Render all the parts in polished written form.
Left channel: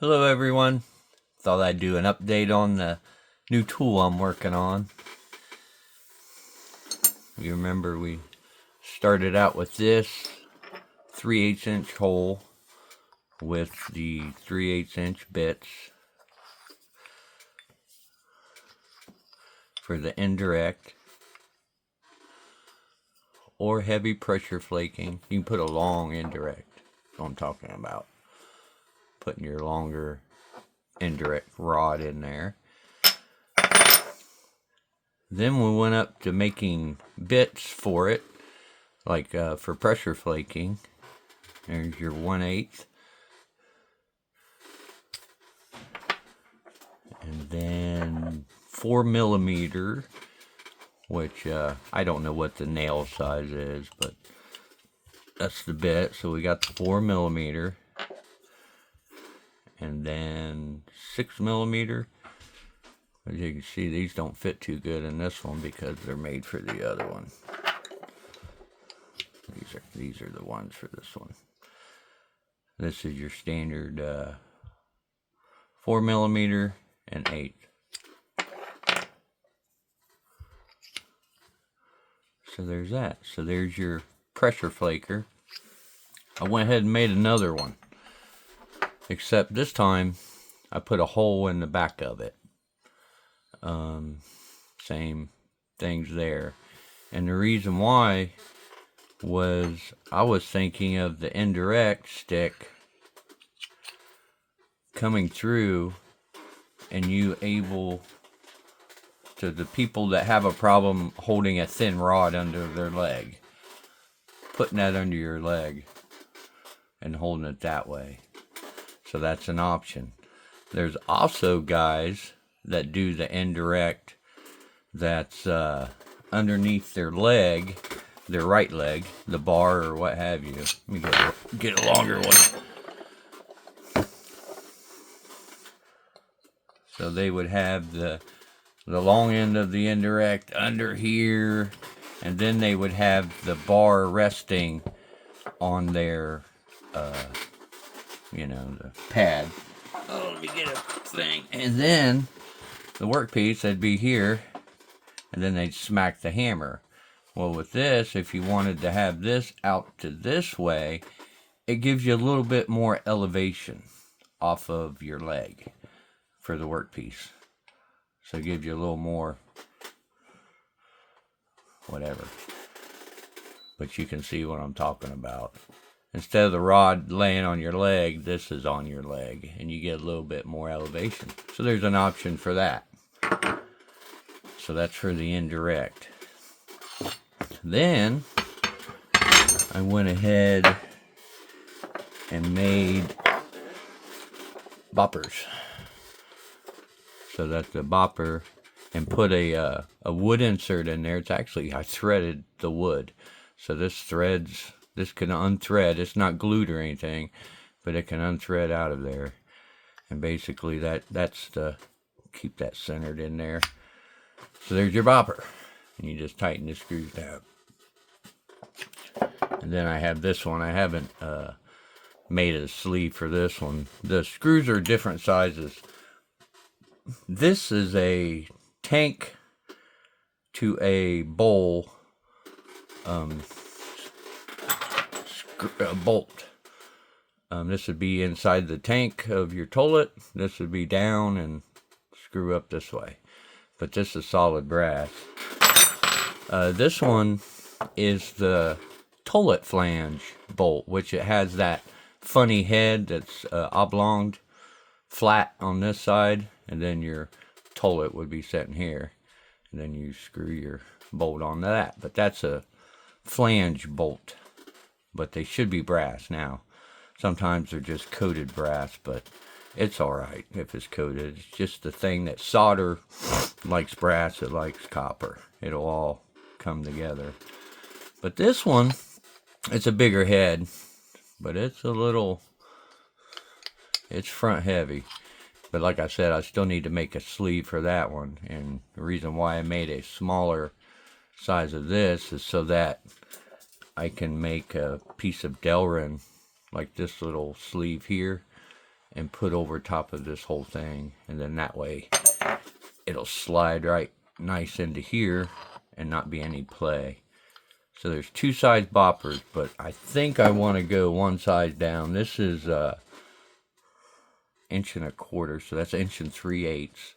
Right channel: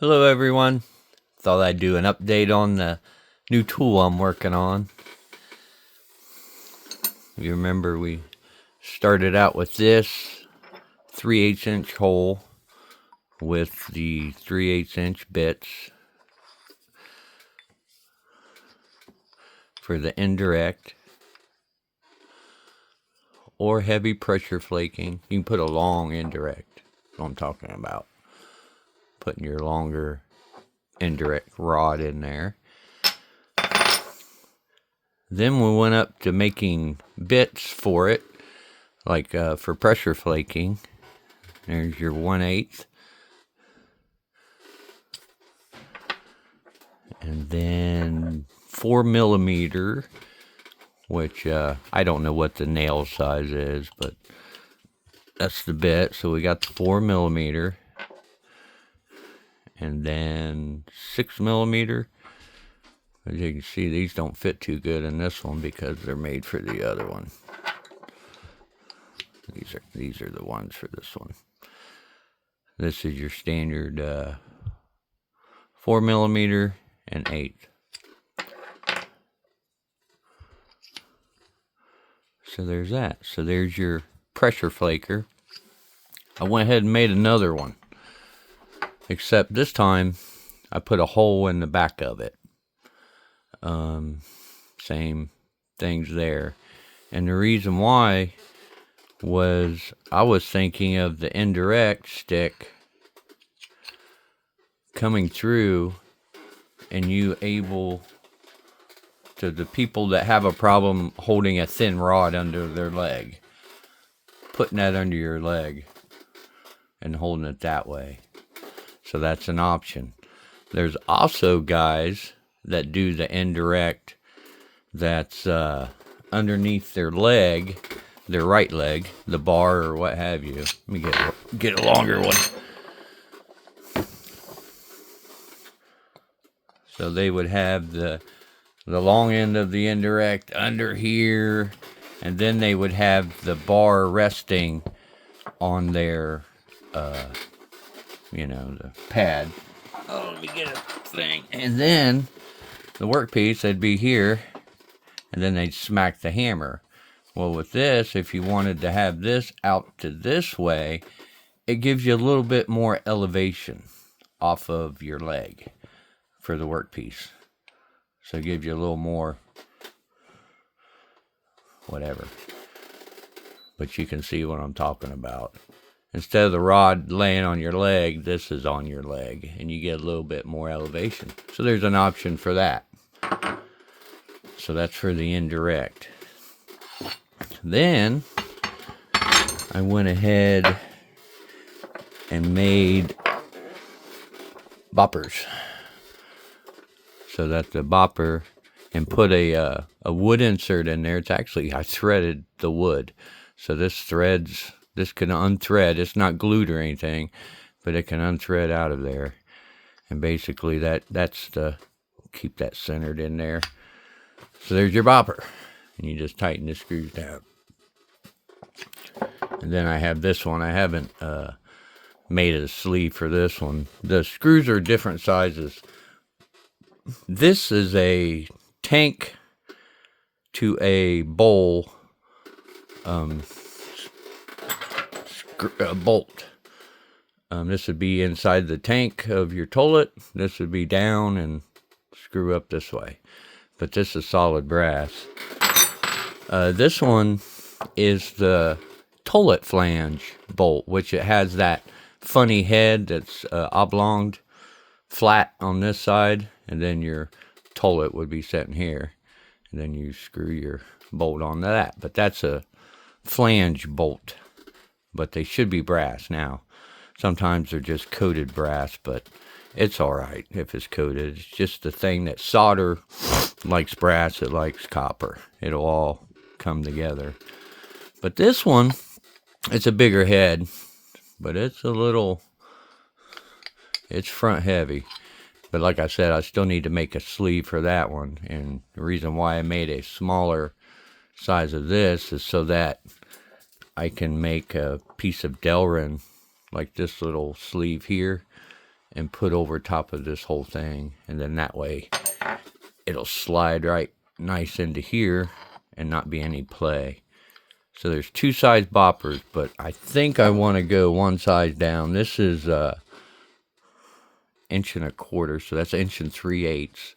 Hello everyone. Thought I'd do an update on the new tool I'm working on. You remember we started out with this 3/8 inch hole with the 3/8 inch bits for the indirect or heavy pressure flaking. You can put a long indirect. That's what I'm talking about. Putting your longer indirect rod in there. Then we went up to making bits for it, like for pressure flaking. There's your 1/8. And then 4mm, which I don't know what the nail size is, but that's the bit. So we got the 4mm. And then 6mm. As you can see, these don't fit too good in this one because they're made for the other one. These are the ones for this one. This is your standard 4mm and 8. So there's that. So there's your pressure flaker. I went ahead and made another one, except this time I put a hole in the back of it. Same things there. And the reason why was I was thinking of the indirect stick coming through, and you able to, the people that have a problem holding a thin rod under their leg, putting that under your leg and holding it that way. So that's an option. There's also guys that do the indirect that's underneath their leg, their right leg, the bar or what have you. Let me get a longer one. So they would have the long end of the indirect under here, and then they would have the bar resting on their the pad. Oh, let me get a thing. And then the workpiece, they'd be here, and then they'd smack the hammer. Well, with this, if you wanted to have this out to this way, it gives you a little bit more elevation off of your leg for the workpiece. So it gives you a little more whatever. But you can see what I'm talking about. Instead of the rod laying on your leg, this is on your leg, and you get a little bit more elevation. So there's an option for that. So that's for the indirect. Then I went ahead and made boppers. So that the bopper, and put a wood insert in there. It's actually, I threaded the wood. So this can unthread. It's not glued or anything, but it can unthread out of there. And basically that's to keep that centered in there. So there's your bopper. And you just tighten the screws down. And then I have this one. I haven't made a sleeve for this one. The screws are different sizes. This is a tank to a bowl bolt. This would be inside the tank of your toilet. This would be down and screw up this way. But this is solid brass. This one is the toilet flange bolt, which it has that funny head that's oblonged, flat on this side, and then your toilet would be sitting here, and then you screw your bolt onto that. But that's a flange bolt, but they should be brass now. Sometimes they're just coated brass, but it's all right if it's coated. It's just the thing that solder likes brass, it likes copper. It'll all come together. But this one, it's a bigger head, but it's front heavy. But like I said, I still need to make a sleeve for that one. And the reason why I made a smaller size of this is so that I can make a piece of Delrin, like this little sleeve here, and put over top of this whole thing, and then that way it'll slide right nice into here and not be any play. So there's 2 size boppers, but I think I want to go 1 size down. This is 1.25 inches, so that's 1 3/8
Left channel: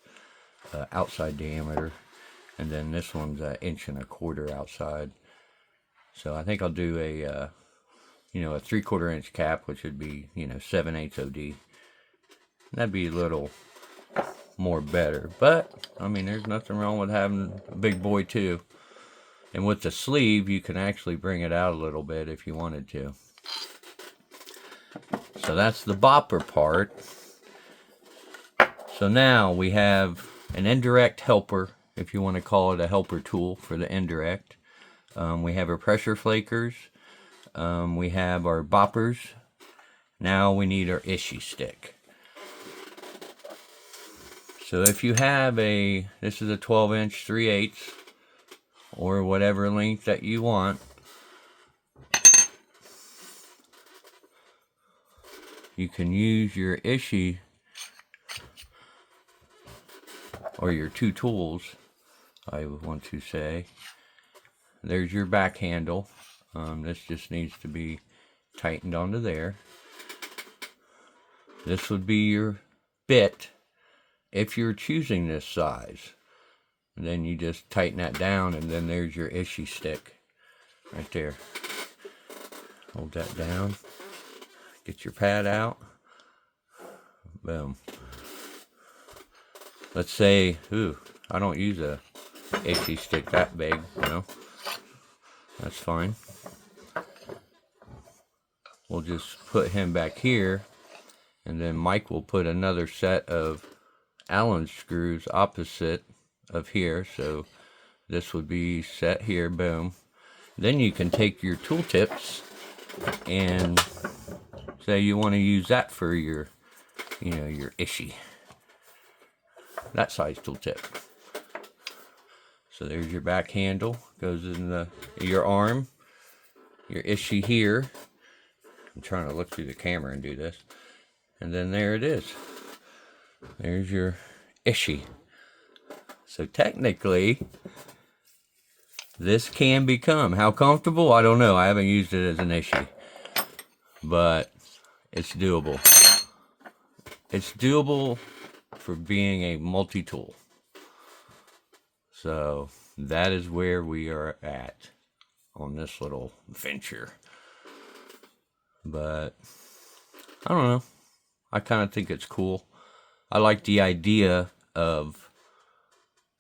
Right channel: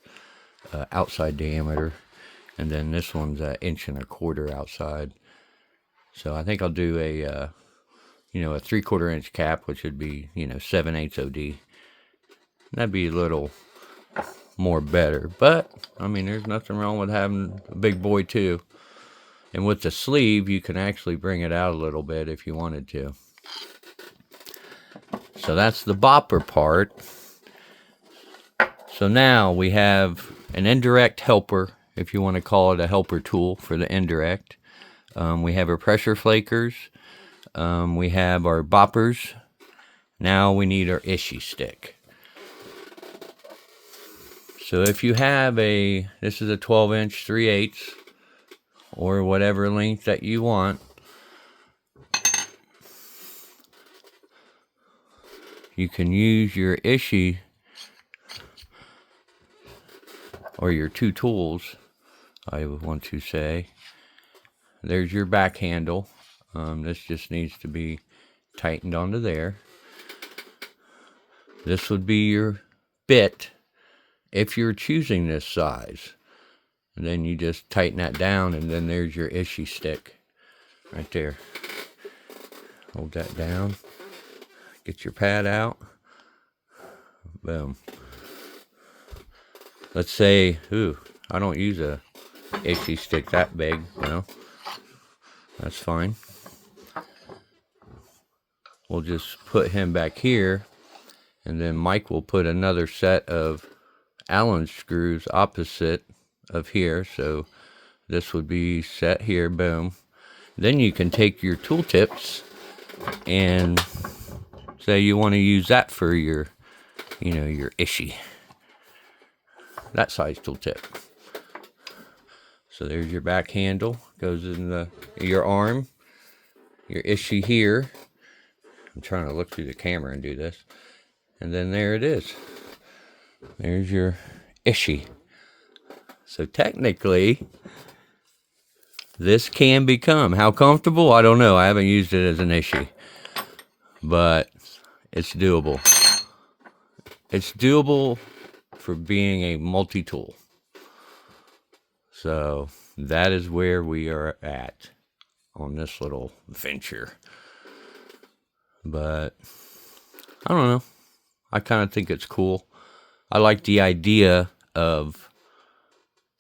outside diameter, and then this one's 1.25 inches outside. So I think I'll do a a 3/4 inch cap, which would be 7/8 OD. That'd be a little more better, but I mean, there's nothing wrong with having a big boy too. And with the sleeve, you can actually bring it out a little bit if you wanted to. So that's the bopper part. So now we have an indirect helper, if you want to call it a helper tool for the indirect. We have our pressure flakers. We have our boppers. Now we need our Ishi stick. So if you have this is a 12-inch 3/8 or whatever length that you want, you can use your Ishi or your 2 tools, I would want to say. There's your back handle. This just needs to be tightened onto there. This would be your bit if you're choosing this size. And then you just tighten that down, and then there's your Ishi stick right there. Hold that down. Get your pad out. Boom. Let's say, I don't use a Ishi stick that big, That's fine. We'll just put him back here, and then Mike will put another set of Allen screws opposite of here. So this would be set here, boom. Then you can take your tool tips and say you want to use that for your, your Ishi. That size tool tip. So there's your back handle, goes in your arm, your Ishi here. I'm trying to look through the camera and do this. And then there it is. There's your Ishi. So technically, this can become, how comfortable? I don't know. I haven't used it as an Ishi. But it's doable. It's doable for being a multi-tool. So that is where we are at on this little venture. But I don't know. I kind of think it's cool. I like the idea of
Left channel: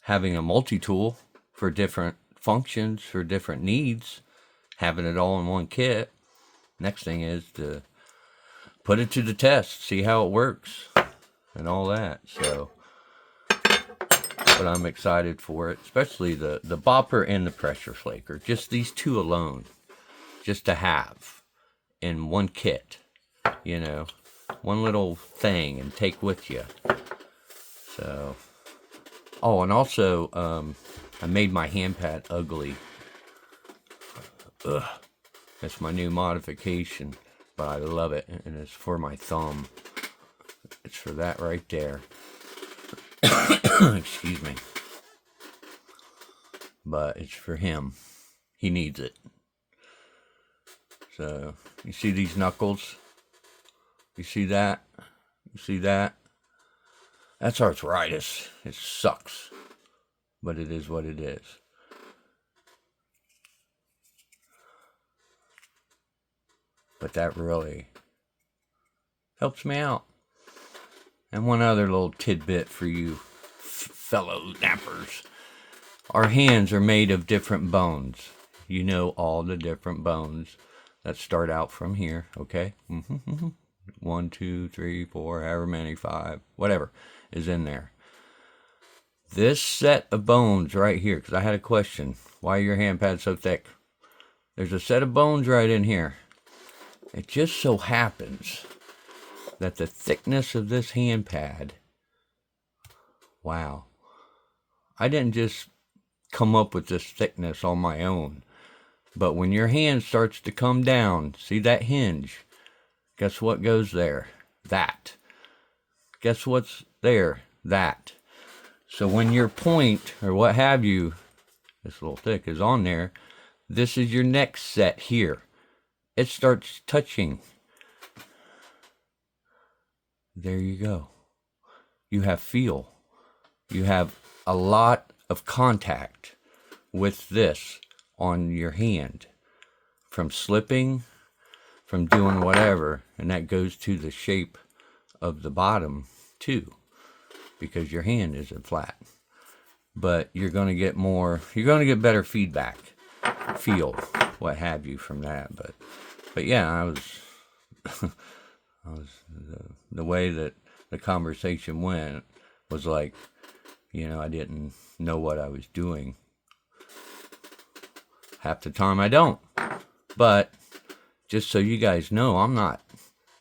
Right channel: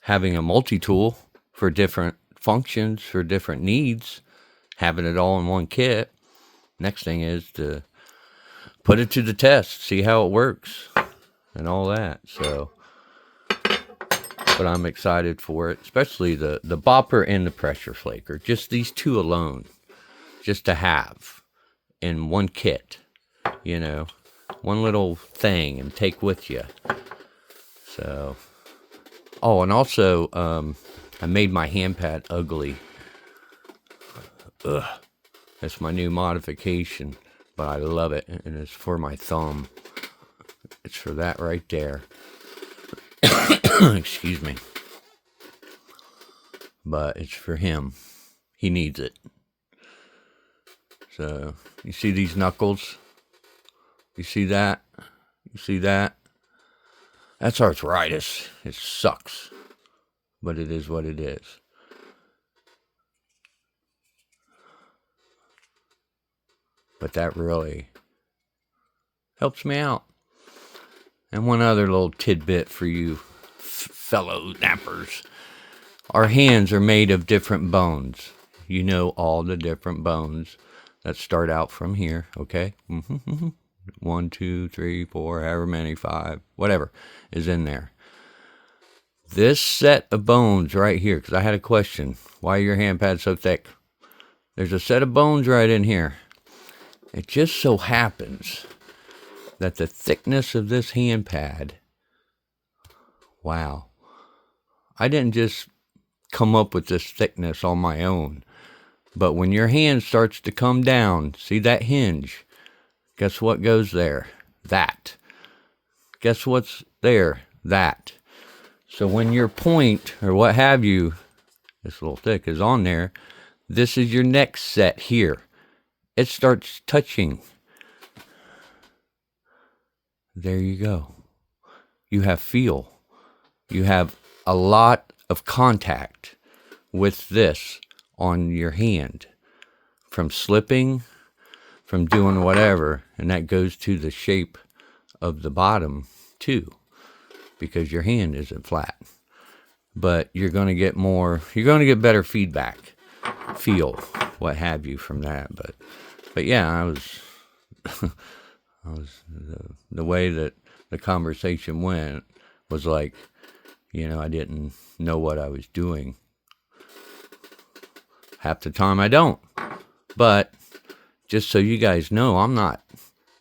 having a multi-tool for different functions, for different needs, having it all in one kit. Next thing is to put it to the test, see how it works and all that. So, but I'm excited for it, especially the bopper and the pressure flaker. Just these 2 alone, just to have in one kit, one little thing and take with you. So, and also, I made my hand pad ugly. That's my new modification, but I love it, and it's for my thumb. It's for that right there. Excuse me. But it's for him. He needs it. So, you see these knuckles? You see that? You see that? That's arthritis. It sucks. But it is what it is. But that really helps me out. And one other little tidbit for you fellow nappers. Our hands are made of different bones. You know all the different bones that start out from here, okay? 1, 2, 3, 4, however many, 5, whatever is in there. This set of bones right here, because I had a question. Why are your hand pads so thick? There's a set of bones right in here. It just so happens that the thickness of this hand pad, wow. I didn't just come up with this thickness on my own. But when your hand starts to come down, see that hinge? Guess what goes there? That. guess what's there? That. So when your point, or what have you, this little thick is on there, this is your next set here. It starts touching. There you go. You have feel. You have a lot of contact with this on your hand, from slipping, from doing whatever, and that goes to the shape of the bottom too, because your hand isn't flat. But you're going to get better feedback, feel, what have you from that. But yeah, the way that the conversation went was like, I didn't know what I was doing. Half the time I don't. But just so you guys know, I'm not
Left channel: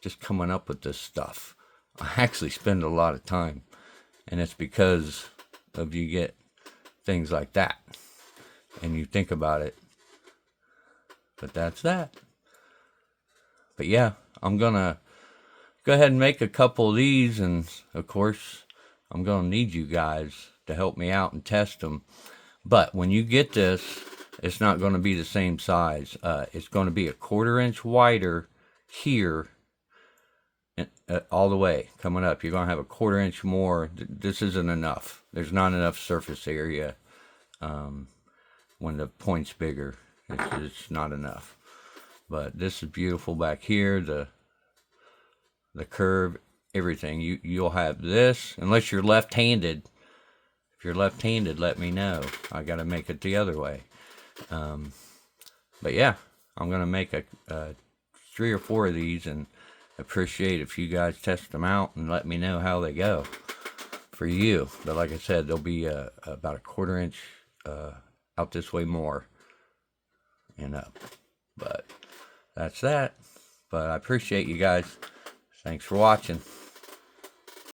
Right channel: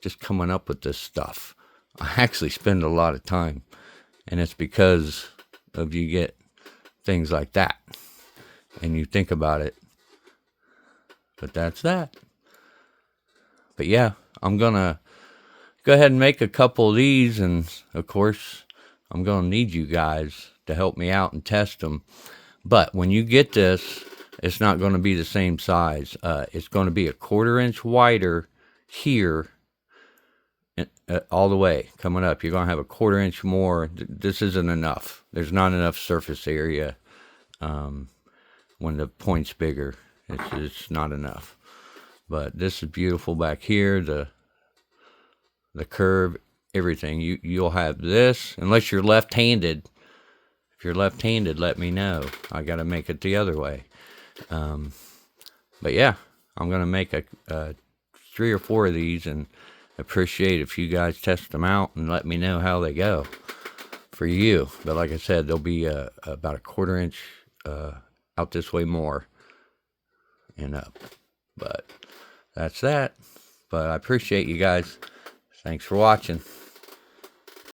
just coming up with this stuff. I actually spend a lot of time. And it's because of you get things like that. And you think about it. But that's that. But yeah, I'm going to go ahead and make a couple of these. And of course, I'm going to need you guys to help me out and test them. But when you get this, it's not going to be the same size. It's going to be a 1/4 inch wider here, all the way coming up. You're going to have a 1/4 inch more. This isn't enough. There's not enough surface area when the point's bigger. It's not enough. But this is beautiful back here. The curve, everything. You'll have this, unless you're left-handed. If you're left-handed, let me know. I got to make it the other way. But yeah, I'm going to make 3 or 4 of these, and appreciate if you guys test them out and let me know how they go for you. But like I said, they'll be about a 1/4 inch out this way more and up. But that's that. But I appreciate you guys. Thanks for watching.